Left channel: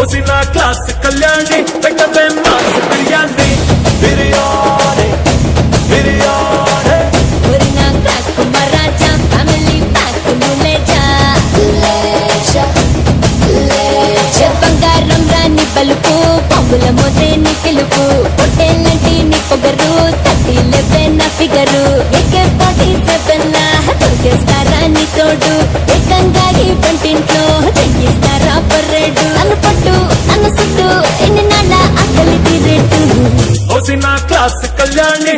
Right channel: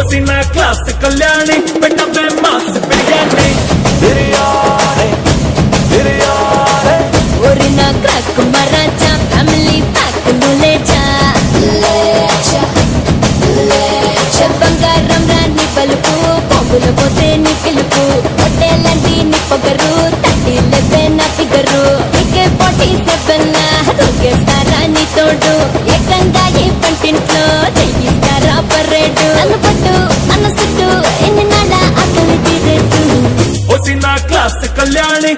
ఓసిన class Kalyani పెట్టవే mass biryani biryani biryani ఒరి నా క్రాక్ మరాచా ఫ్యామిలీ ప్యాక్ లేచా లేచా బంగారం రాని పలుకు పొంగుల మోతే నీ పిలుపు పొట్టేలంటి నీ పొగరు తట్టి లేపే నా ఫిగరు ఏకే 47 లా దొరికేస్తారా నీ తోడు ఏకంగా ఈ పంటింట్లో తగ్గిస్తారా పర్రేటు నన్ను పట్టు నన్ను సుట్టు ఎన్ని నాళ్ళ అక్కలి తీరేటు ఓసిన క్లాస్ కళ్యాణి